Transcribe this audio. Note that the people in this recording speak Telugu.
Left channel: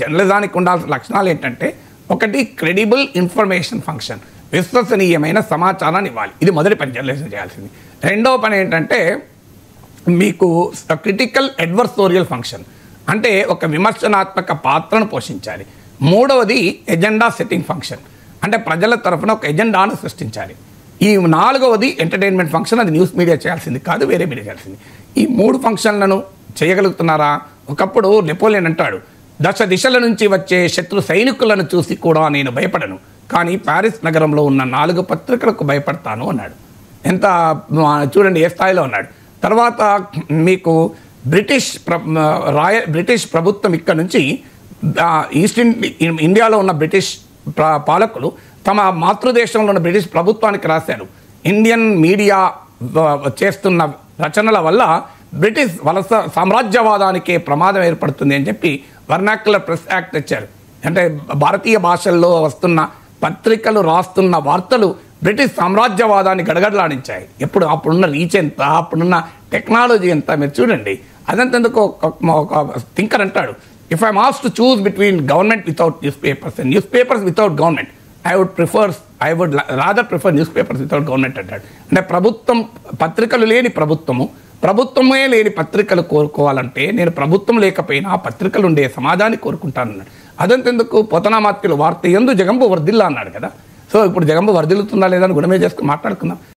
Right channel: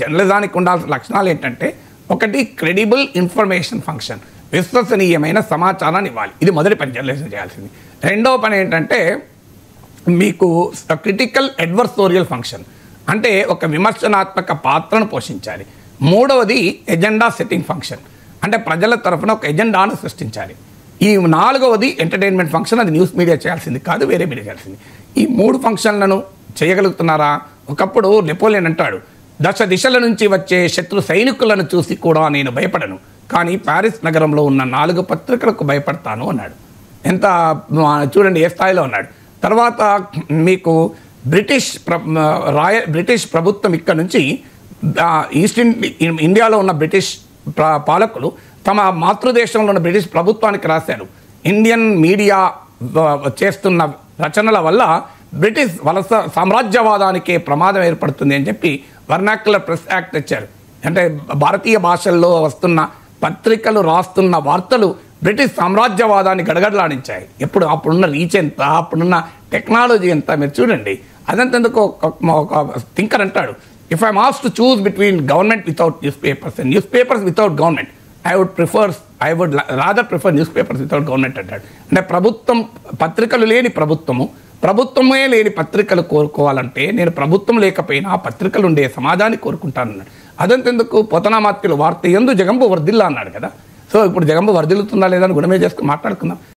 జర్నలిజానికి ఉండాల్సిన లక్షణాలు ఏంటంటే, ఒకటి క్రెడిబుల్ ఇన్ఫర్మేషన్ ఫంక్షన్, విశ్వసనీయమైన సమాచారాన్ని ఇవ్వాలి. ఇది మొదటి పని జర్నలిజం చేయాల్సింది. రెండవ పని ఏంటంటే మీకు క్రిటికల్ అడ్వర్సోరియల్ ఫంక్షన్, అంటే ఒక విమర్శనాత్మక పాత్రను పోషించాలి. మూడవది ఎజెండా సెట్టింగ్ ఫంక్షన్, అంటే ప్రజల తరఫున ఒక ఎజెండాను సృష్టించాలి. ఈ నాలుగవది ఎంటర్టైన్మెంట్ ఫంక్షన్, అది న్యూస్ మీడియా చేయాల్సింది కాదు, వేరే మీడియా చేయాల్సింది. ఈ మూడు ఫంక్షన్లను చేయగలుగుతున్నారా? ఒకప్పుడు నెపోలియన్ అంటాడు, దశ దిశల నుంచి వచ్చే శత్రు సైనికులను చూసి కూడా నేను భయపడను, కానీ ప్యారిస్ నగరంలో ఉన్న 4 పత్రికలకు భయపడతాను అన్నాడు. ఎంత చూడండి ఏ స్థాయిలో ఉన్నాడు. తర్వాత మీకు బ్రిటిష్ ప్రభుత్వం ఇక్కడ నుంచి ఈస్ట్ ఇండియాలో ఉన్న బ్రిటిష్ పాలకులు తమ మాతృదేశంలో ఉన్న బ్రిటిష్ ప్రభుత్వానికి రాశారు, ఇండియన్ మీడియా చేస్తున్న రచనల వల్ల బ్రిటిష్ వలస సామ్రాజ్యవాదానికే ప్రమాదం ఏర్పడుతుంది అని చెప్పి వర్నాక్యులర్ ప్రెస్ యాక్ట్ తెచ్చారు. అంటే భారతీయ భాషల్లో వస్తున్న పత్రికలు రాస్తున్న వార్తలు బ్రిటిష్ సామ్రాజ్యవాదాన్ని గడగడలాడించాయి. అప్పుడున్న రీచ్ ఎంత, అప్పుడున్న టెక్నాలజీ ఎంత మీరు చూడండి. అదంతకు ఒక థింకర్ అంటాడు, if I'm asked to choose between government without news papers and news papers without government, I would rather prefer news papers without government అంటాడు. అంటే పత్రికలు లేని ప్రభుత్వమే లేని పత్రికలు కోరుకోవాలంటే నేను ప్రభుత్వం లేకపోయినా పత్రికలు ఉండే సమాజాన్ని కోరుకుంటానన్నాడు. అదంతెందుకు పోతనామాత్యులు వార్త యందు జగంబు వర్ధిల్లా అన్నాడు కదా. సో ఇప్పుడు జగంబు వర్ధిల్లుతుందా లేదా అని గుణమే చేసుకుని మాట్లాడుకుందాం.